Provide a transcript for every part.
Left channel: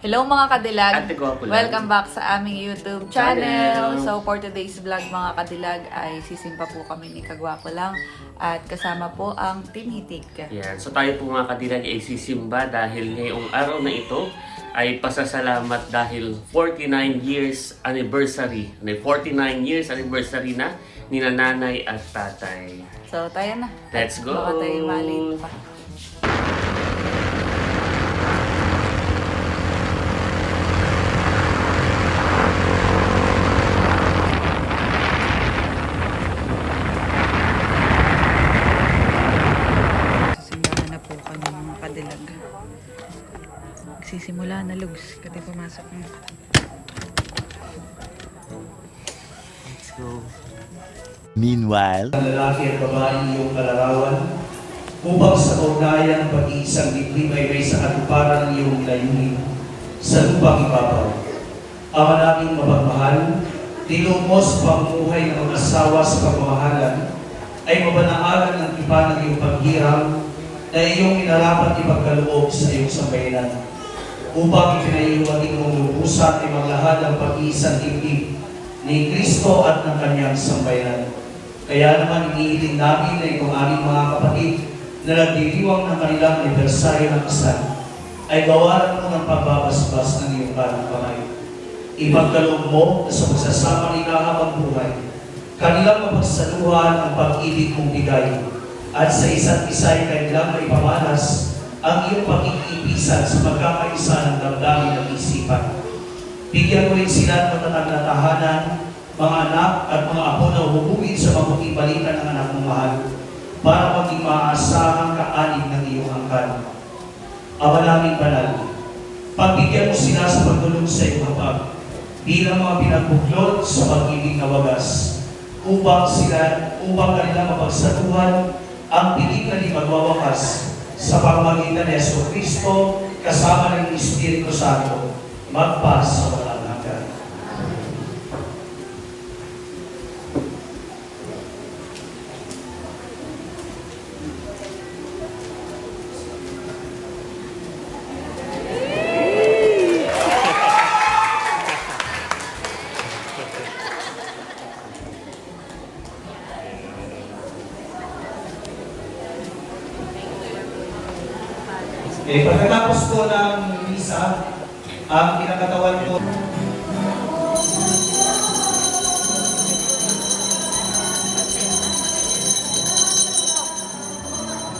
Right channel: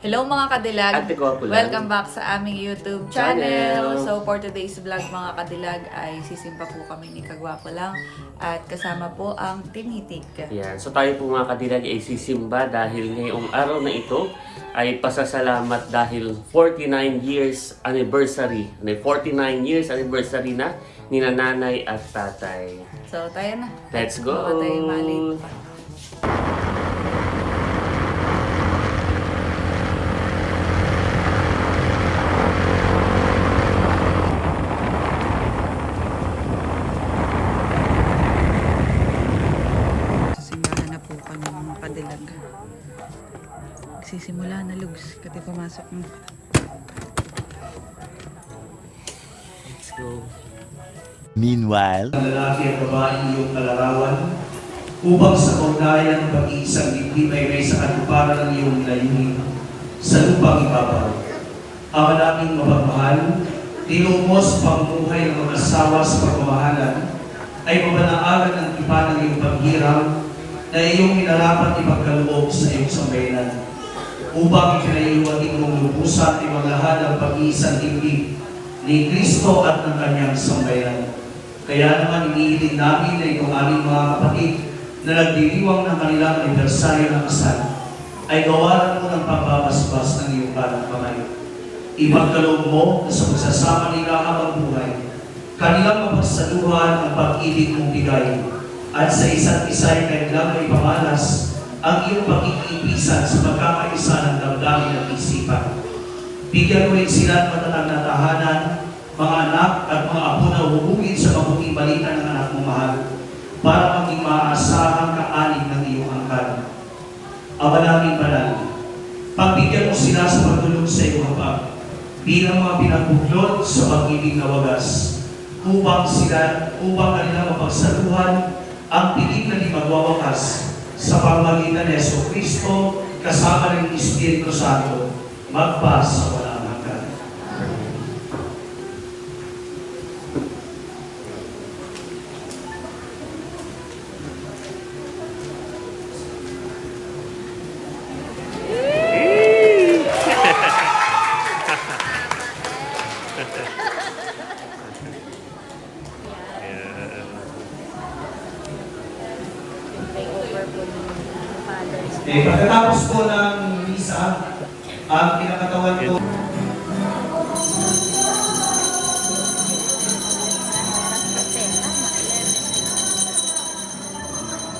Hello mga kadilag! Welcome back sa aming YouTube channel. Channel. So for today's vlog mga kadilag ay sisimpa po kami ni Kagwapo lang at kasama po ang Team Hitik. Yan. So tayo po mga kadilag ay sisimba dahil ngayong araw na ito ay pasasalamat dahil 49 years anniversary. May 49 years anniversary na ni nanay at tatay. So tayo na. Let's go. Baka tayo malate pa. Sa simbahan na po kami mga kadilag. Lugs. Kati pumasok na. Let's go. Meanwhile, ang lalaki at babae iyong kalarawan upang sa kaugnayan ng pag-iisang dibdib ay may sa katuparan ng iyong layunin sa lupang ibabaw. Ama naming mapagmahal, tinong mo sa pamumuhay ng mag-asawa sa pagmamahalan ay mabanaalan ang iba ng iyong paghirap na iyong inarapat ipagkaloob sa iyong sambayanan upang ipinaiiwating mong lubusan ay maglahan ng pag-iisang dibdib ni Kristo at ng kanyang sambayanan. Kaya naman iniiling namin na itong aming mga kapatid na nagdiriwang ng kanilang anibersaryo ng kasal ay gawaran mo ng pagbabasbas ng iyong kanang kamay. Ipagkaloob mo na sa magsasama nila habang buhay, kanilang mapagsaluhan ang pag-ibig mong bigay at sa isa't isa ay kanilang may pamalas ang iyong pakikipisan sa pagkakaisa ng damdamin at isipan. Bigyan mo rin sila ng matatag na tahanan, mga anak at mga apo na hubugin sa mabuting balita ng anak mong mahal para maging maaasahang kaanig ng iyong angkan. Ama namin banal, pagbigyan mo sila sa pagtulong sa iyong hapag bilang mga pinagbuklod sa pag-ibig na wagas upang sila, upang kanilang mapagsaluhan ang piling na di magwawakas sa pamagitan ni Yeso Kristo kasama ng Espiritu Santo magpa sa pagkatapos po ng misa, ang kinakatawan po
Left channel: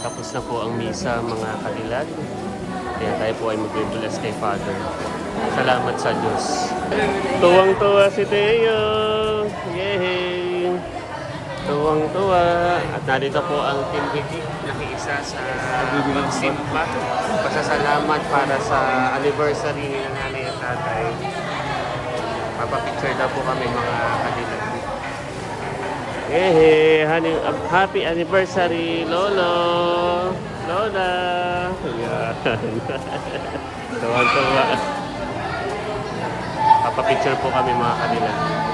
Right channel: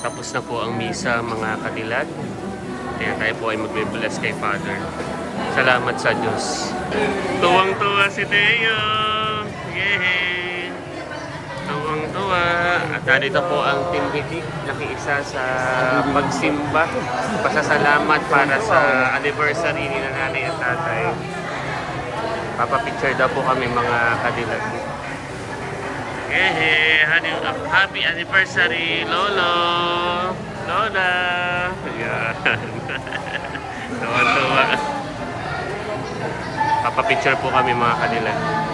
Tapos na po ang misa mga kadilag. Kaya tayo po ay magbe-bless kay Father. Salamat sa Diyos. Tuwang-tuwa si Teo! Yay! Tuwang-tuwa. At narito po ang Team Hitik nakiisa sa pagsimba. Pasasalamat para sa anniversary ni nanay at tatay. Papapicture daw po kami mga kadilag. Honey- Happy anniversary, Lolo! Lola! Ayan. Tuwa-tuwa. Papapicture po kami mga kadilag.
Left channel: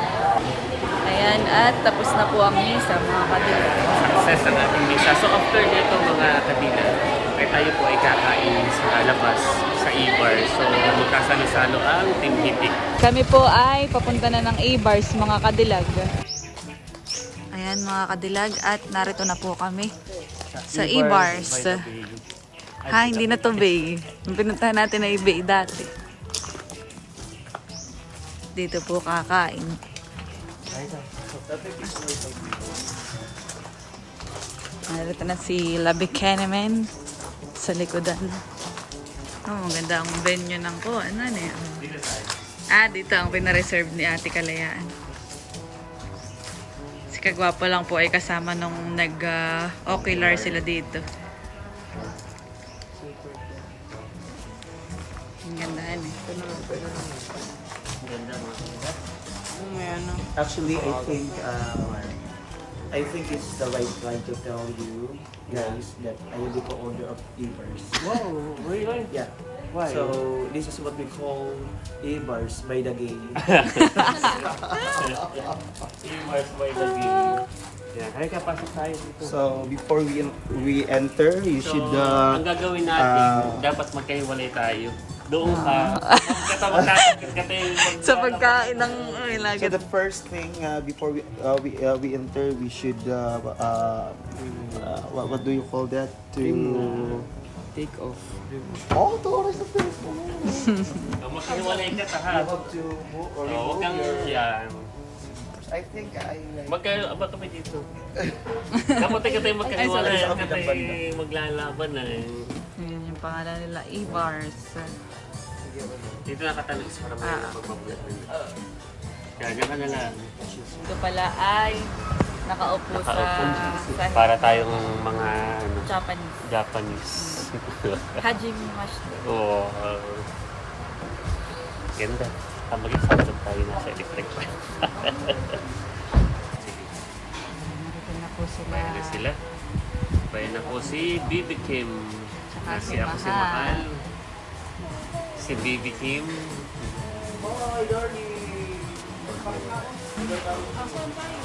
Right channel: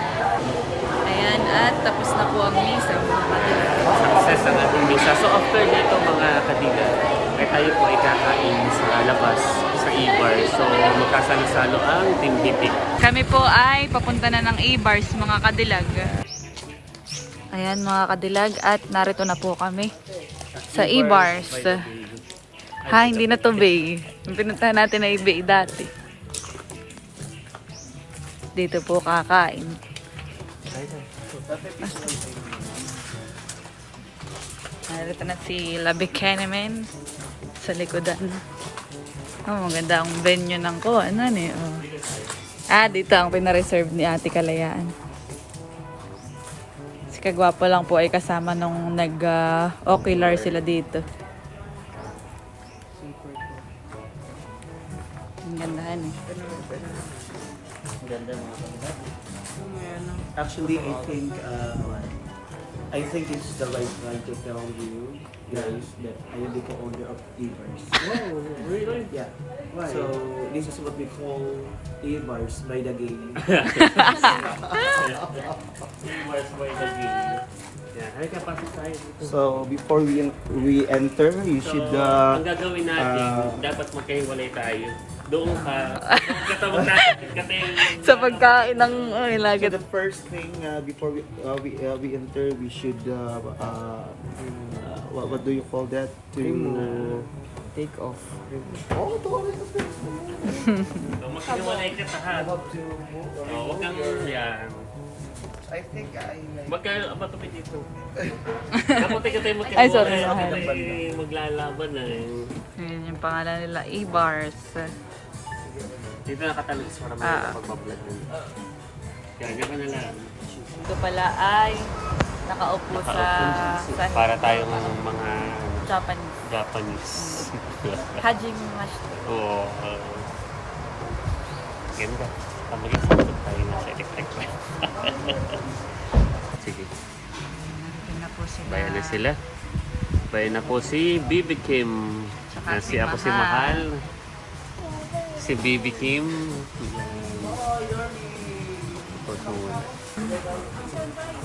Ayan, at tapos na po ang misa mga kadilag. Success ang ating misa. So after nito mga kadilag, ay tayo po ay kakain sa labas, sa Ibar. So magkasalo-salo ang Team Hitik. Kami po ay papunta na ng A-Bars mga kadilag. Ayan mga kadilag at narito na po kami sa A-Bars. Ha, hindi na to Bay. Pinuntahan natin na Bay dati. Dito po kakain. Narito na si Labi Kenemen sa likodan. Oh, maganda ang venue ng ko. Ano ni? Oh. Ah, dito ang pinareserve ni Ate Kalayaan. Si Kagwapo lang po ay kasama nung nag-ocular sila dito. Ang gandahan eh. Ganda mga kadilag. Actually, I think um, I think it's the right time to tell you guys that I will to order of Ebers. Wow, really? Yeah. Why? So this is what we call Ebers by the game. Mars by the game. Yeah, halika pasok tayo dito. so before we we enter, you So, should uh, ang gagawin natin, ah, dapat magkahiwalay tayo. Doon ka. Katawag natin. Sa pagkain ng ay, So lagat. the first thing uh, before we uh, we uh, we enter, we should uh, uh, uh, what, what do you call that? To Take off. Oh, to oras na to. Maghiwalay ka sa hat. Oo, Huwag kang yan. I think I Magka, ba kami dito? Dapat ka tayo Ay, sorry. tayo maglalaban na eh. Ayan yung pangalan nila, E-Bars. Dito nakatalis para Ah. magpapablog. Kaya dyan ka na lang. Ito pala ay nakaupo sa, Nakaupo. sa Para tayong mga ano, Japanese. Japanese. Hajime Master. Oo. uh, ganda. Ah, mag-isabot tayo na sa electric fan. Sige. Narito na po sila. Bayan na sila. Bayan na po si Bibi Kim. Saka Na si ako si Mahal. Mahal. Si Bibi Kim.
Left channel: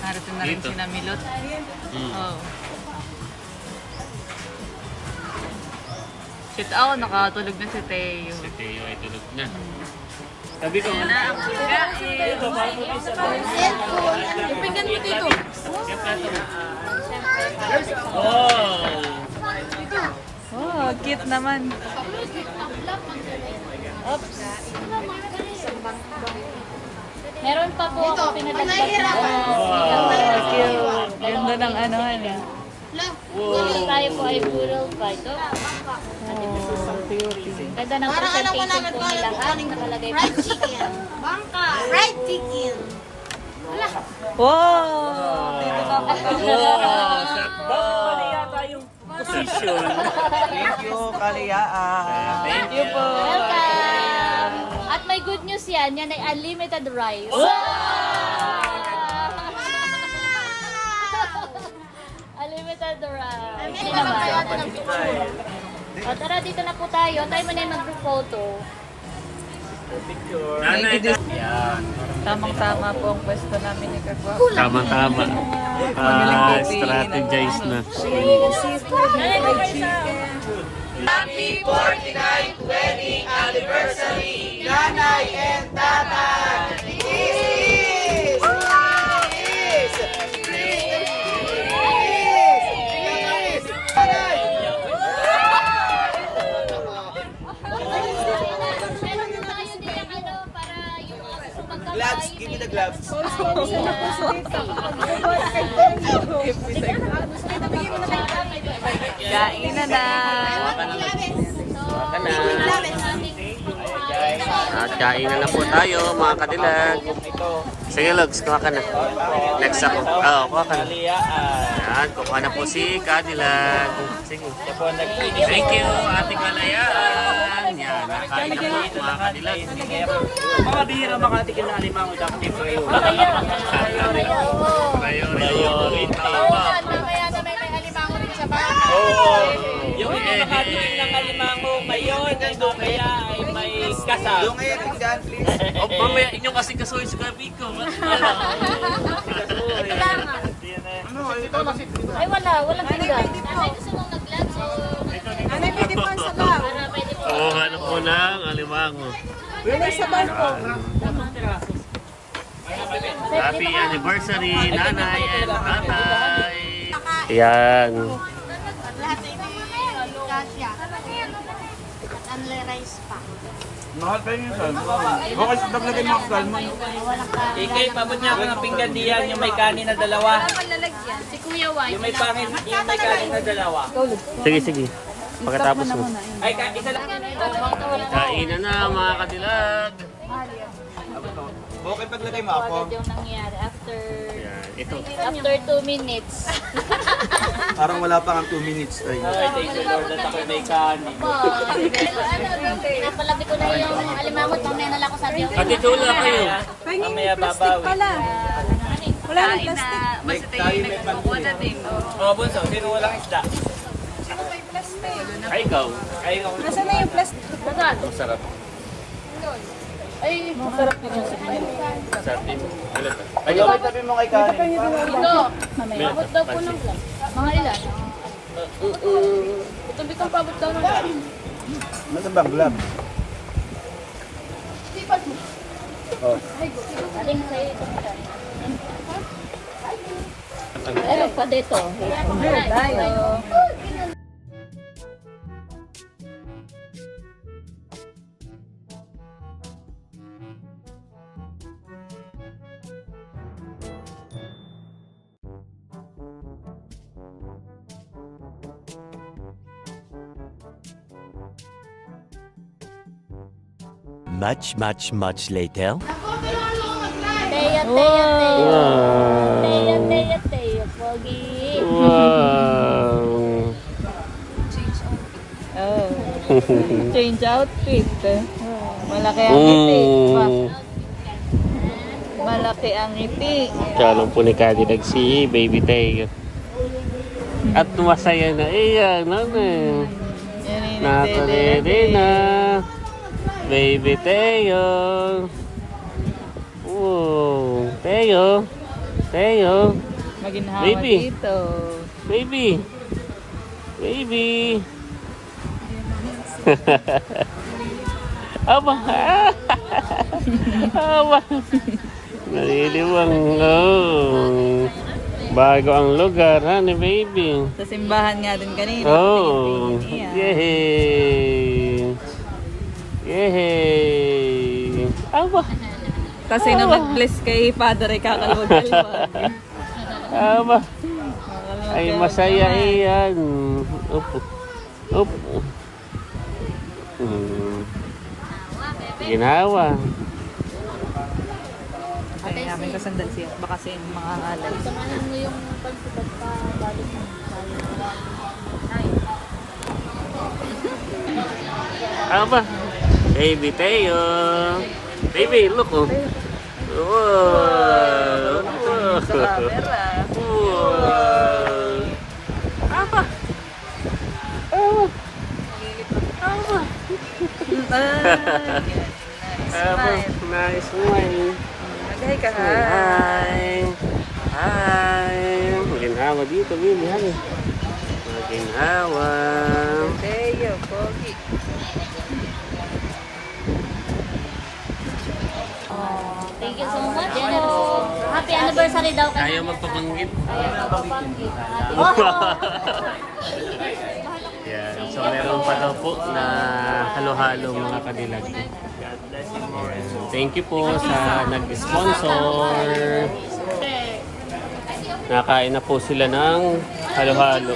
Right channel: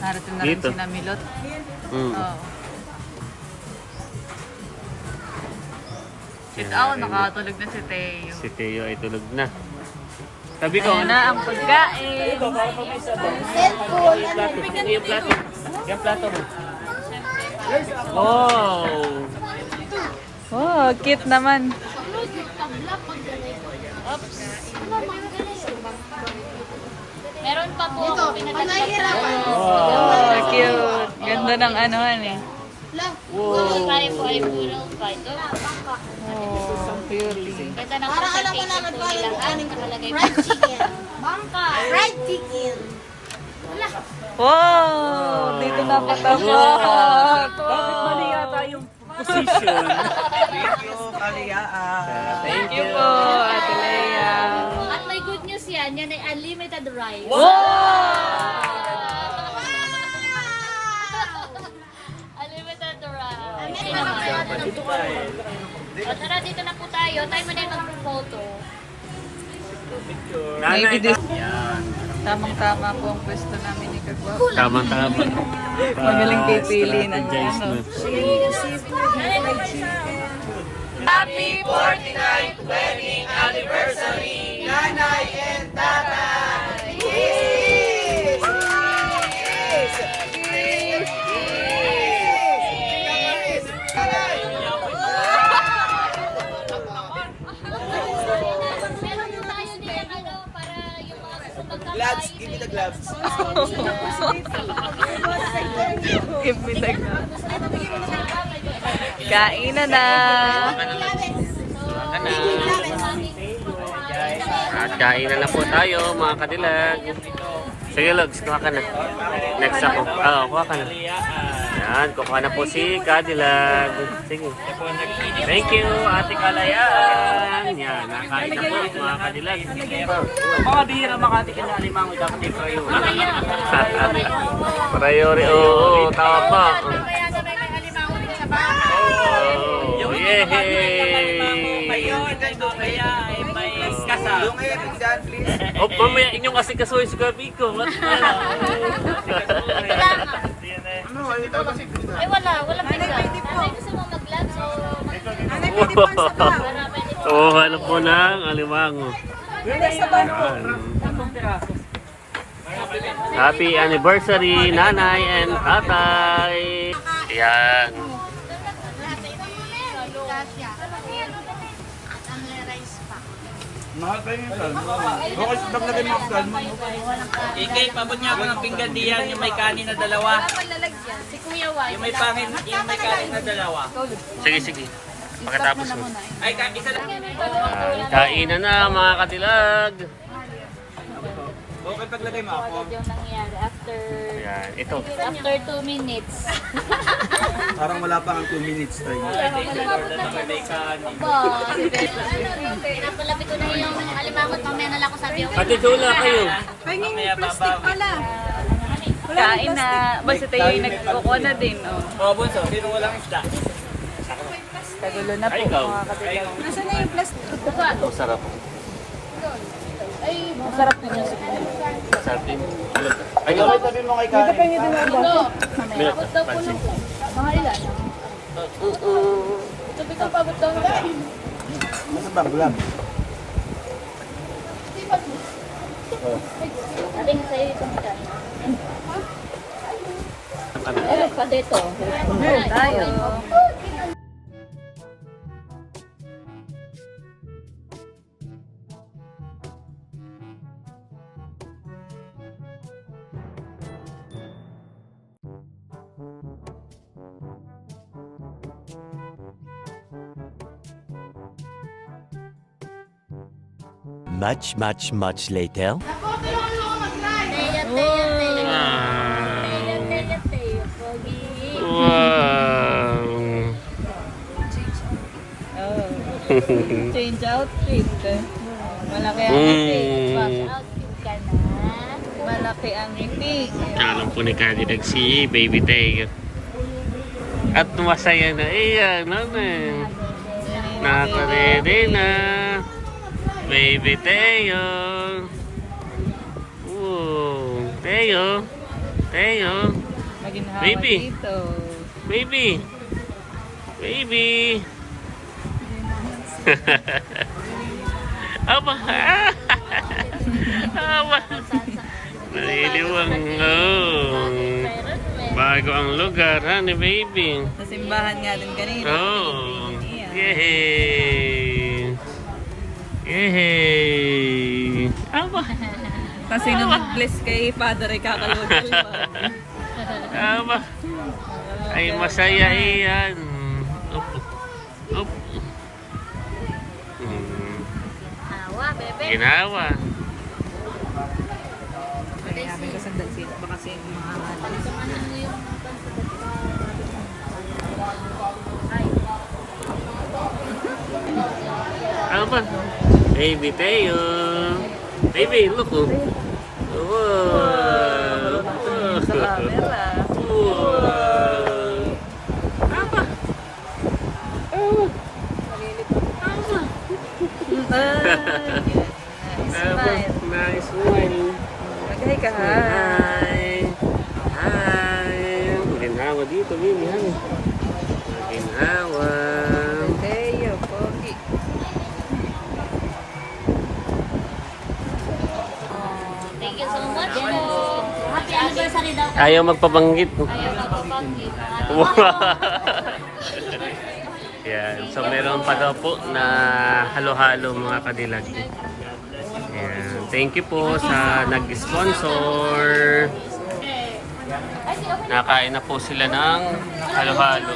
Narito na rin Dito. si Namilot. Mm. Oo. Sit out, nakatulog na si Teo. Si Teo ay tulog na. Sabi ko, Ayun na ang pagkain. Oh! Oh, cute naman. Meron pa po ako pinadagdag Oh, cute. Ganda ng ano eh. Wow. Oh, ng Para alam ko naman aning nakalagay po. Fried chicken. Bangka. Fried chicken. Wow! Dito na patabot. Position. Thank you po, Ate Lea. At may good news yan. Yan ay unlimited rice. unlimited Japanese style. O tara, dito na po tayo. Tayo mo na yung mag-photo. Nanay, Tamang-tama po ang pwesto namin ni Kagwap. Tama-tama. Magaling Ah, pipili ng strategize ano. na. Gloves, give me the gloves. Give me the gloves. Kain na na. At kain na lang po tayo mga kadilag. Sige Logs, kuha ka na. Next ako. Oo, kuha ka na. Yan, kuha na po si Kadilag. Sige. Thank you, Ate Kalayaan. Yan, nakain na po mga kadilag. Mga bihira makatikin na alimango dapat yung kayo. Priority, oo, tama. Oh, Alimango yay! mayon, kay kaya ay may kasal. Yung ngayon, dyan, please. O, mamaya inyong kasi kasuhin sa gabi ko. Wala? Ay wala, walang pizza. Nanay gusto mong mag-vlog, so... Nanay pwede po sa baba. Para pwede po. Oo, hanap po ng alimango. Happy anniversary, nanay and tatay. Yan. Mahal pa yung salmon. Okay, sa naglagay mo ang salmon. Ikay, pabot niya ako ng pinggan diyan yung may kanin na dalawa. Si Kuya White. Yung may pangit, yung may kanin na dalawa. Sige, sige. Pagkatapos mo. Ay, ka- isa lang. Yan. Kainan na mga katilag. Okay, paglagay mo ako. Yung after... Yan, ito. After 2 minutes. Parang wala pa ang 2 minutes kanin. Pinapalapit ko na yung alimangot. Mamaya na lang ako sabi ako. Ate Tula kayo. Mamaya babawi. Kain na. Basta tayo yung nagkukuha na din. Oh. O, bunso, sino walang isda? Tagulo na po. Ay, ikaw. Ay, Ang sarap. Masarap din yung soup niya. Sarap din. Ay, Ikaw tabi mo kay kanin pa. Meron ka, pansin. Tubig kang pabot daw. Ano bang glove? Oh. Aling sa iyo. Pero pa dito. Tayo. Much, much, much later. Teya, teya, teya. Pogi. Wow. Change outfit. Malaki ang ngiti. Mm. Malaki ang ngiti. Kalong po ni Kadidag si Baby Tay. At masaya na iyan. Ano eh. Nakaredy na. Baby Teo. Oh, Teo. Teo. Maginhawa Baby. dito. Baby. Baby. Aba. Aba. Naliliwang. Oh. Bago ang lugar, ha, ni baby. Sa simbahan nga din kanina. Oh. Yay. Yay. Aba. Kasi nung nag-bless kay Father ay kakalugal mo. Aba. Ay masaya iyan. Opo. Opo. Hmm. Ginawa. Kaya namin kasandal siya. Baka siya yung mga halal. Samahan mo yung pagpapabalik ng Aba. Baby Teo. Baby, look oh. Wow. Camera. Wow. Aba. Aba. Aba. Aba. Nice smile. Maghay ka. Hi. Hi. Maginhawa dito, baby. Hi. Maginhawa. Teo, pogi. You so much. Generous sponsor. Happy anniversary daw kayo. Ayaw magpabanggit. Yan. So meron pa daw po na halo-halo mga kadilag. Yan. Thank you po sa nag-sponsor. Nakain na po sila ng halo-halo.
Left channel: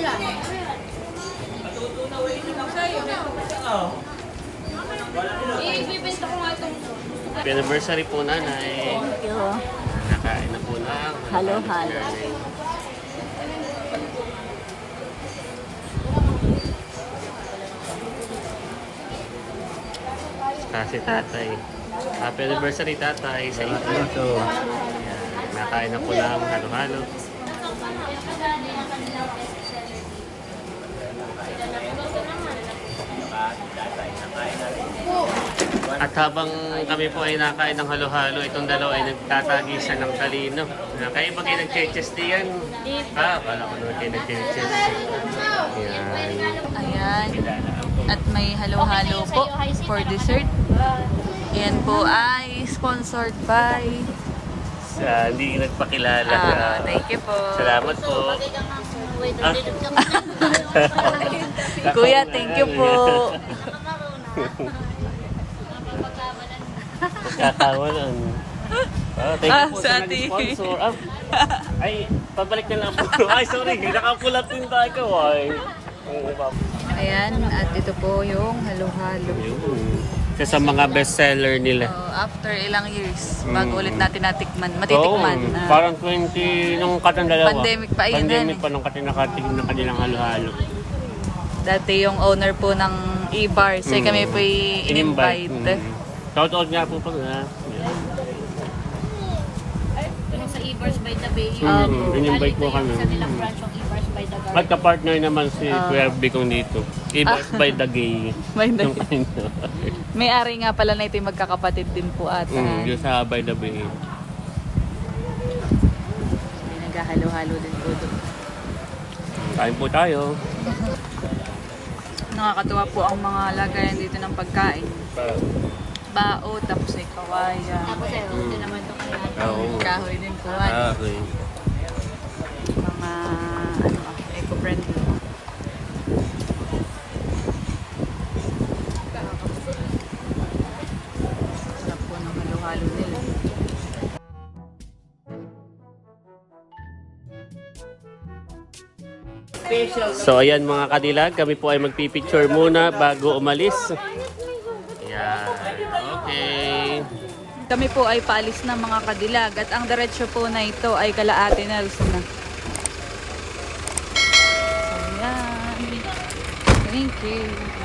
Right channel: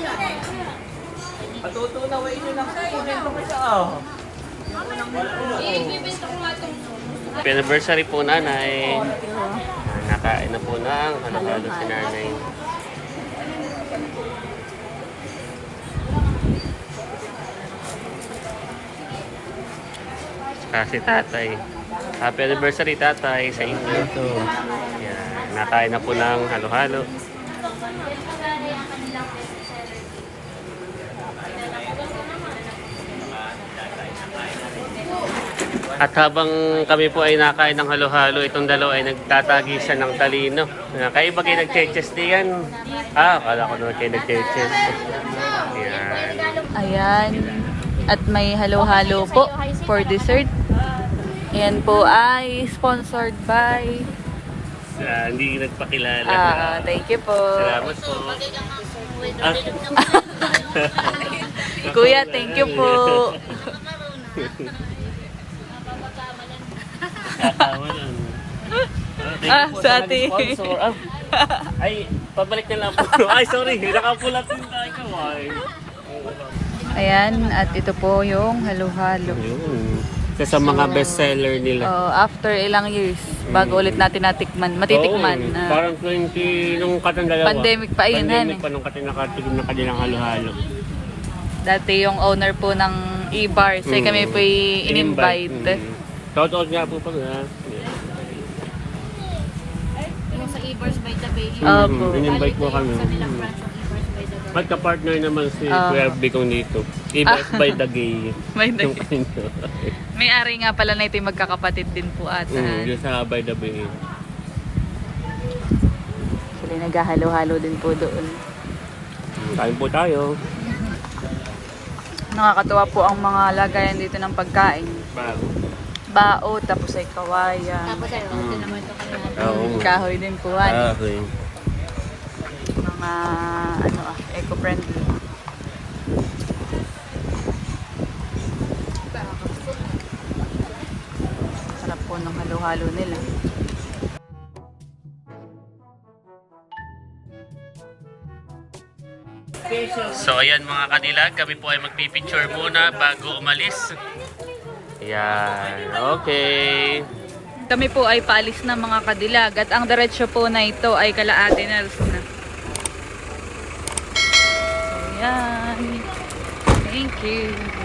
Ibibenta ko nga itong Happy anniversary po nanay. Nakain na po ng halo-halo si nanay. Kasi tatay. Happy anniversary tatay sa inyo. Yan. Nakain na po ng halo-halo. At habang kami po ay nakain ng halo-halo, itong dalawa ay nagtatagisan ng talino. Kayo ba kayo nag-cheches diyan? Ah, akala ko naman kayo nag-cheches. Yan. Ayan. At may halo-halo po for dessert. Ayan po ay sponsored by... Ah, hindi nagpakilala. Ah, thank you po. Salamat po. Kuya, thank you po. Katawa lang. Ah, thank Ah, po sa sa ate. nag-sponsor. Ah, Ay, pabalik na lang po. Ay, sorry. Nakapulat din tayo. Ay. Ayan, at ito po yung halo-halo. Yun. Isa sa mga bestseller nila. Oh, after ilang years, bago Mm. ulit natin natikman, matitikman. Oo, Ah. parang 20, nung katang dalawa. Pandemic pa yun, Pandemic ano? pa nung katang nakatikim na kanilang halo-halo. Dati yung owner po ng e-bars, eh, Mm. kami po in-invite. Mm. Shoutout nga po pala. Yeah. Yung sa e-bars by the Bay. Opo. Mm, in-invite mo kami. Sa nilang branch ng e-bars by the Bay. Magka-partner naman si Ah. Kuya Bicong dito. Ibas by the gay. By the Yung kanino. May ari nga pala na ito yung magkakapatid din po ata. Mm, yung sa by the bay. Sila naghahalo-halo din po doon. Kain po tayo. Nakakatuwa po ang mga lagayan dito ng pagkain. Bao, tapos ay kawayan. Tapos oh, ito naman ano. Kahoy din kuhan. okay. Mga ano ah, eco-friendly. Sarap po ng halo-halo nila. So ayan mga kadilag, kami po ay magpipicture muna bago umalis. Ayan, okay. Kami po ay paalis na mga kadilag at ang diretsyo po na ito ay kala Ate Nelson na. So yan. Thank you.